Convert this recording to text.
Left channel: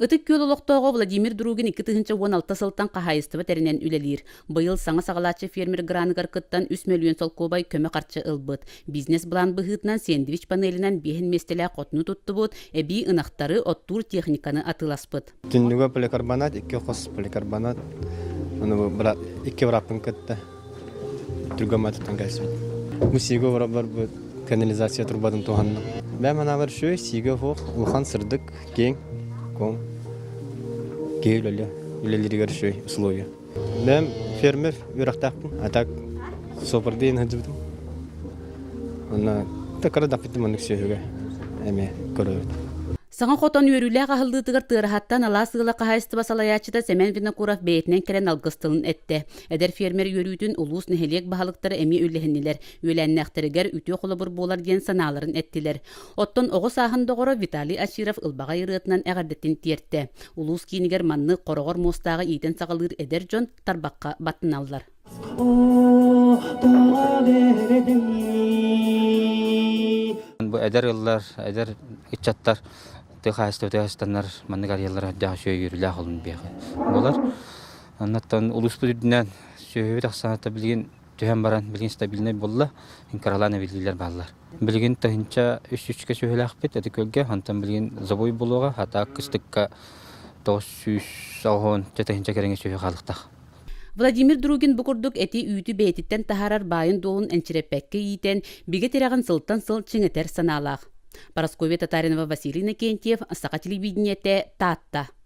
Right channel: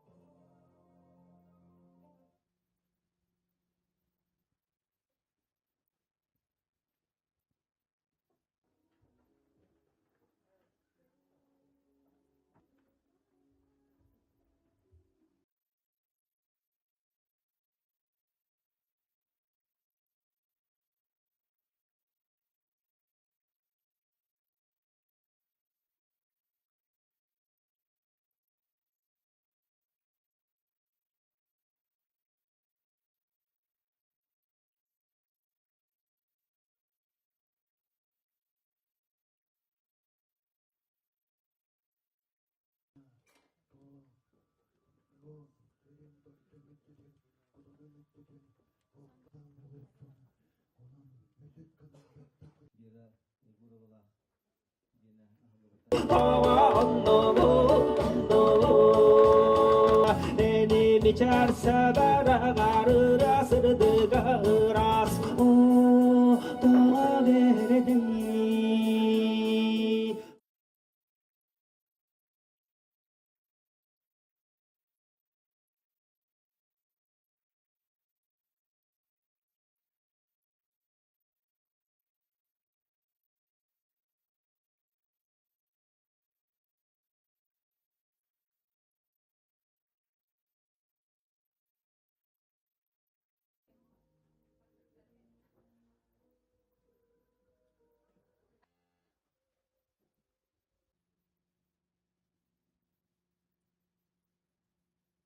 Ытык көл олоқтоого Владимир Другин 2016 сылтан қахайыстыва тәрінен үлелер. Бұйыл саңа сағалатчы фермер граныгар кыттан 3 миллион солкобай көмі қарчы ылбыт. Бизнес блан бұғытынан сэндвич панелінен бехін местелі қотыны тұтты бұд, әбі ынақтары оттур техниканы атыласпыт. Түннүгө поликарбонат, 2 қос поликарбонат, iki врапын кытты. Түргөматыттан кәсіп. Бұл сиго врап бар бұл канализация турбадың туғанның. Бәм ана бар шөй, сиго хоқ, ұлхан сырдық, кең, ком, кейл үлелерігер шөй, условия. Бәм фермер үрақтақпын, атак сопырдейін ғыдыбдым. Оны тақыры дақпеттім оның сөйіге, әме көрөйді. Саңа хотон үйрүлі ағылдытығыр тырхаттан ала сығыла қағайыстыба салаячыда Семен Винокуров бейетінен керен алғыстылын әтті. Әдер фермер үйрүйтін улус нәхелек бағалықтары әме үліхіннелер. Өләннәқтірігер үтіо қолыбыр болар ген саналарын әттілер. Оттон оғы сағында ғыры Виталий Аширов ылғаға ирытынан әғардеттен керті. Улус кейінгер манның қорығыр мұстағы етін сағылыр әдер жон тарбаққа батын алды. Бұл әдер ыллар, әдер итчаттар, тыхастар манныгар яллар да шөй үрүлә холын бияга. Булар аннан улус бүдүннән шөй тахсаната билген төһәм баран билген стабильный булла, инкараланы билгеләр баллар. Билген тахынча 3-3 шөйләк бит, әди көлгә хантан билген забой булуга, хата кыстыкка 900 саһон тәһинчә кереңе шөй халыкта. Владимир Другин букурдук эти үйті бейтиттен тахарар байын доғын энчереппекке ийтен биге тераган сылтан сыл чыңетер саналақ. Парасковия Татаринова, Василий Накентьев, Сақа телевидениете, Татта.